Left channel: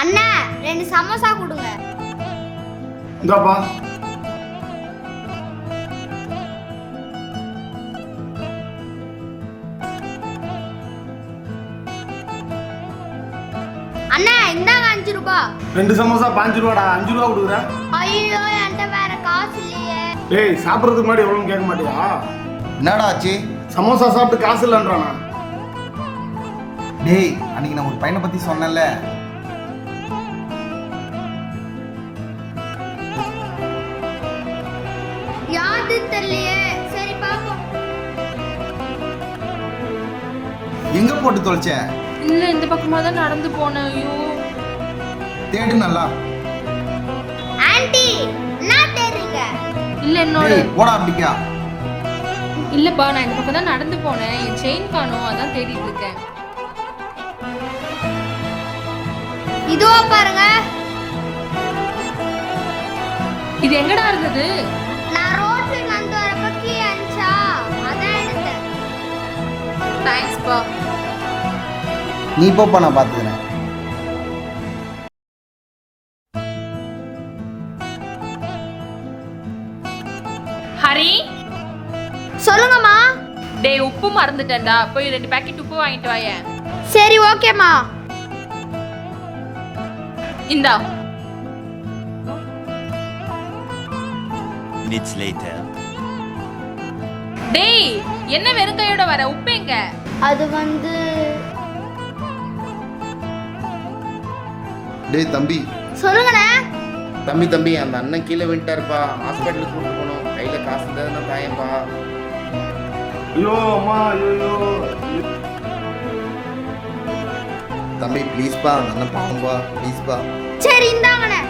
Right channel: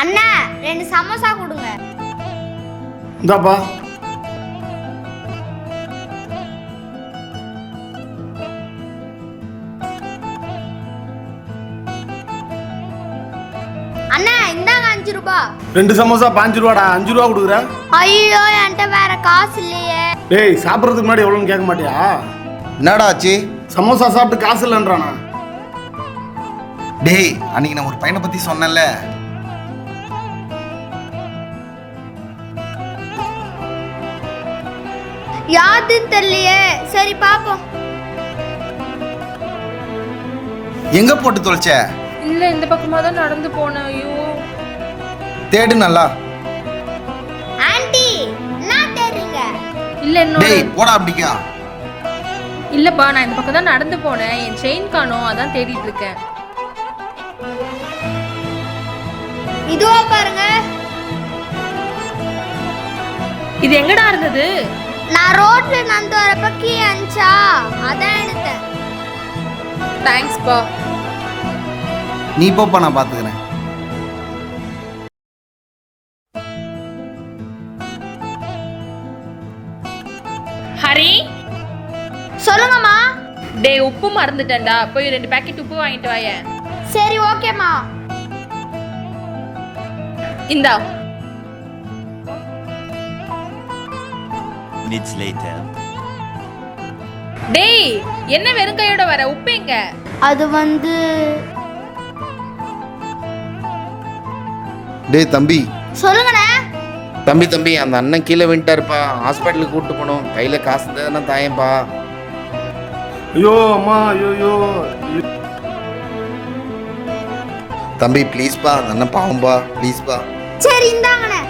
அண்ணா ரெண்டு சமோசா கொடுங்க. இந்தாப்பா. அண்ணா இந்தாங்க அஞ்சு ரூபா. ரெண்டு சமோசா பாஞ்சு ரூபாடா. அஞ்சு ரூபா கொடுக்குற? ஐயோ என்கிட்ட வேற காசு இல்லையே. டேய் சாப்பிட்றதுக்கு முன்னாடி எவ்வளோன்னு கேட்க மாட்டியா? என்னடா ஆச்சு? சமோசா சாப்பிட்டு காசு இல்லைன்றானா? டேய் அன்னைக்கு நான் ஒரு பையனை பத்தி சொன்னேன்ல. யாருன்னு தெரியலையே. சரி பாப்போம் எங்க போட்டு தொலைச்ச? இல்ல இந்த பக்கமா தான் நடந்து போனேன். ஐயோ. தேடு நல்லா. ஆன்ட்டி என்ன தெரியுங்க இல்ல என்னோட டேய் போடா அப்படிக்கா. இல்லப்பா நான் இந்த பக்கம் தான் நடந்து போனேன். என் செயின் காணோம் அதான் தேடிட்டு இருக்கேன். இதுவா பாருங்க. இது எங்கடா இருந்தது? நான் ரோட்ல நடந்து வரப்ப கீ அனுச்சா அதான் எடுத்தேன். தேங்க்ஸ்ப்பா நீ போப்பா நான் பாத்துக்கிறேன் ஹரி? சொல்லுங்கம்மா. டேய் உப்பு மறந்துட்டேன்டா. போய் ரெண்டு பேக்கெட் உப்பு வாங்கிட்டு வாயேன். சரி ஓகேம்மா இந்தா. Minutes later. டேய் என்ன வெறும் கையோட வர? உப்பு எங்க? அது வந்து டேய் தம்பி. சொல்லுங்கண்ணே. தம்பி தம்பி அந்த அண்ணன் கீழே விட்டாருப்பா ஹாஸ்பிட்டலுக்கு கூட்டு போனோம். கையில காசு தானே தாயப்பா. ஐயோ அம்மா ஐயோ தம்பி ப்ளீஸ்ப்பா அந்த அண்ணன் பாவம்பா. ப்ளீஸ்ப்பா சரி இந்தாங்கண்ணே.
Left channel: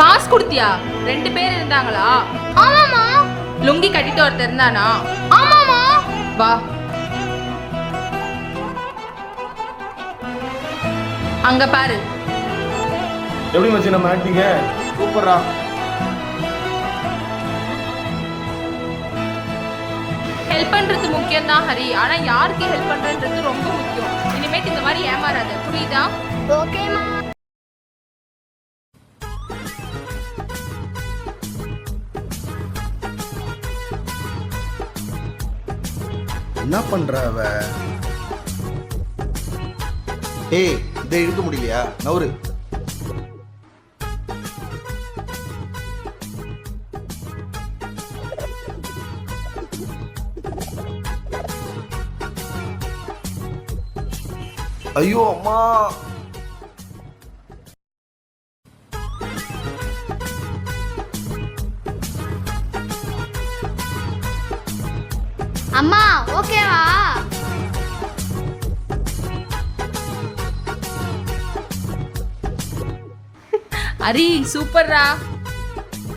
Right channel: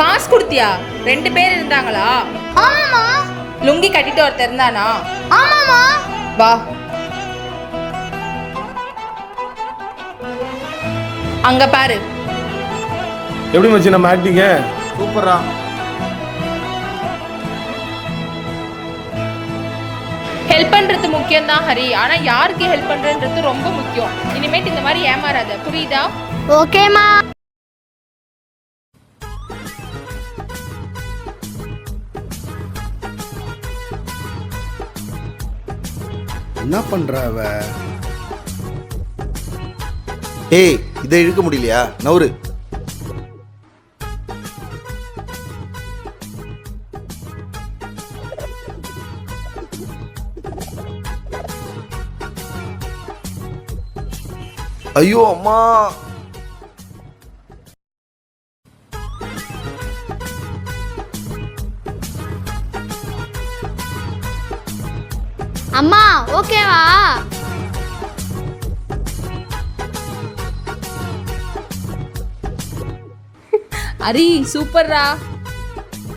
காசு கொடுத்தியா? ரெண்டு பேர் இருந்தாங்களா? ஆமாம்மா. லுங்கி கட்டிட்டு ஒருத்தர் இருந்தானா? ஆமாம்மா. வா. அங்க பாரு. எப்படி வச்சு நம்ம ஆக்டிங்க சூப்பரா ஹெல்ப் பண்றது முக்கியம் தான் ஹரி. ஆனா யாருக்கு ஹெல்ப் பண்றன்றது ரொம்ப முக்கியம். இனிமேட்டு இந்த மாதிரி ஏமாறாத. புரியுதா? ஓகேம்மா. என்ன பண்ற அவ? ஏய் இதை இழுக்க முடியலையா? நவுரு ஐயோ அம்மா. அம்மா ஓகேவா அரி சூப்பர்ரா